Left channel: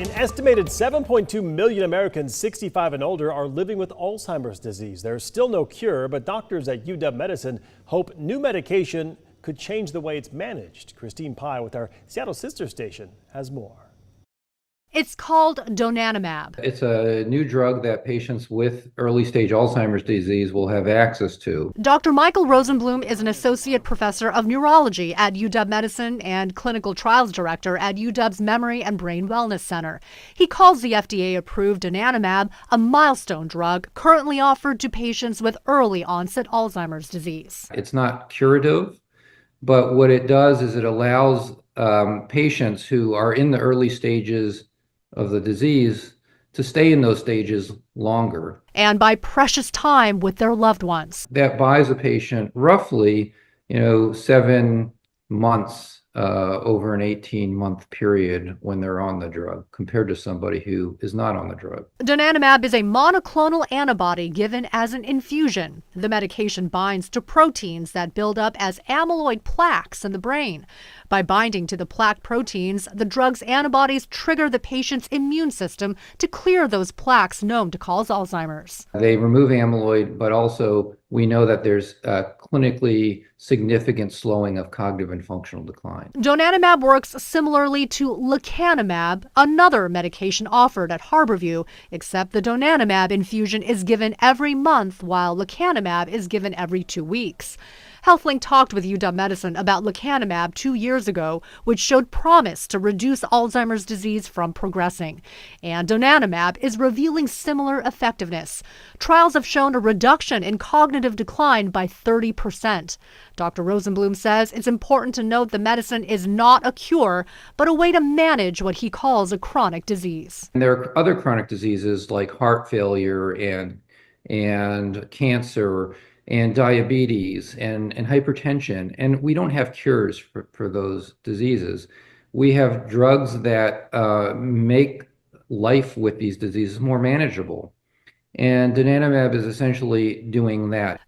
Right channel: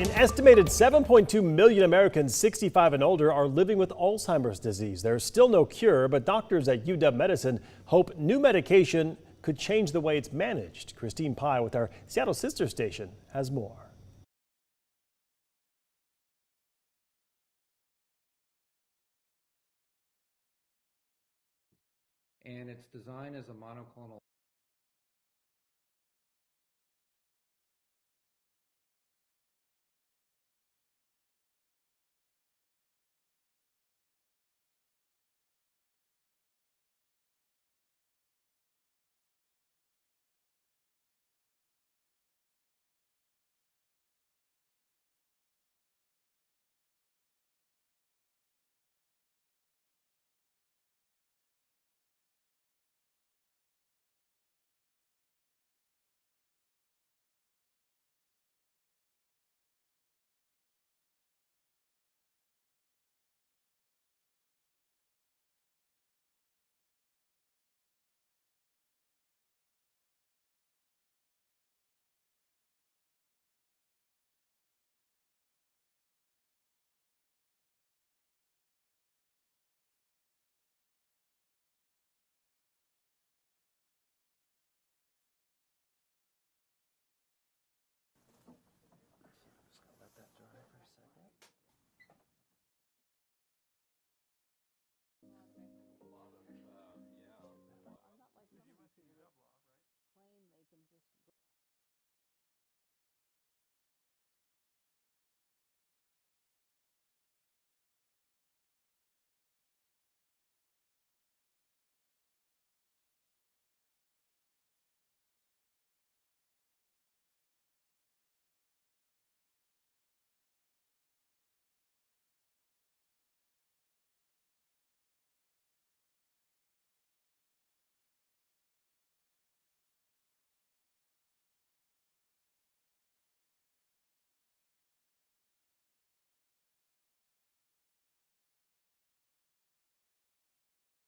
An estimated 7.2 million Americans 65 and older are living with Alzheimer's disease. There's still no cure, but doctors at UW Medicine hope new medication could change the way it's managed. Christine Pye with our Seattle sister station has more. It's called donanemab. It's a new drug that patients with early stage Alzheimer's disease will have access to. Dr. Michael Rosenblum is an associate professor of neurology at UW Medicine and clinical trials director at UW's Memory and Brain Wellness Center. He calls the FDA-approved donanemab a milestone drug currently offered to patients with early onset Alzheimer's disease. It's not curative, but what it does is it allows patients who are in the early stages of the disease to stay in those stages longer. And buy precious time with their loved ones. That buys a patient roughly, 7 months over an 18-month period when they're on the drug compared to somebody who is not on the drug. Donanemab is a monoclonal antibody given as an infusion. The medication binds to proteins that build up as amyloid plaques in the brain. By binding to the plaque proteins, the drug's antibodies trigger the patient's immune system to clear those plaques known to cause Alzheimer's. They remove amyloid, but also we know that there's clinically significant slowing of cognitive and functional decline. Donanemab works similarly to lecanemab, another medication offered at Harborview, except the donanemab infusion is given every month while lecanemab is given every 2 weeks. HealthLink talked with UW Medicine about lecanemab 2 years ago, which showed promise to reduce Alzheimer's disease from progressing. And donanemab is revealing similar effectiveness. Trials have shown a reduction in cognitive decline by 30%. Dr. Rosenblum says it's important to note the medicine is not a cure, but a way to manage what he calls a chronic disease. And there are other chronic diseases like heart failure and cancer and diabetes and hypertension, and we don't have cures for those diseases. We have drugs that make life with these diseases more manageable. And donanemab is essentially doing that.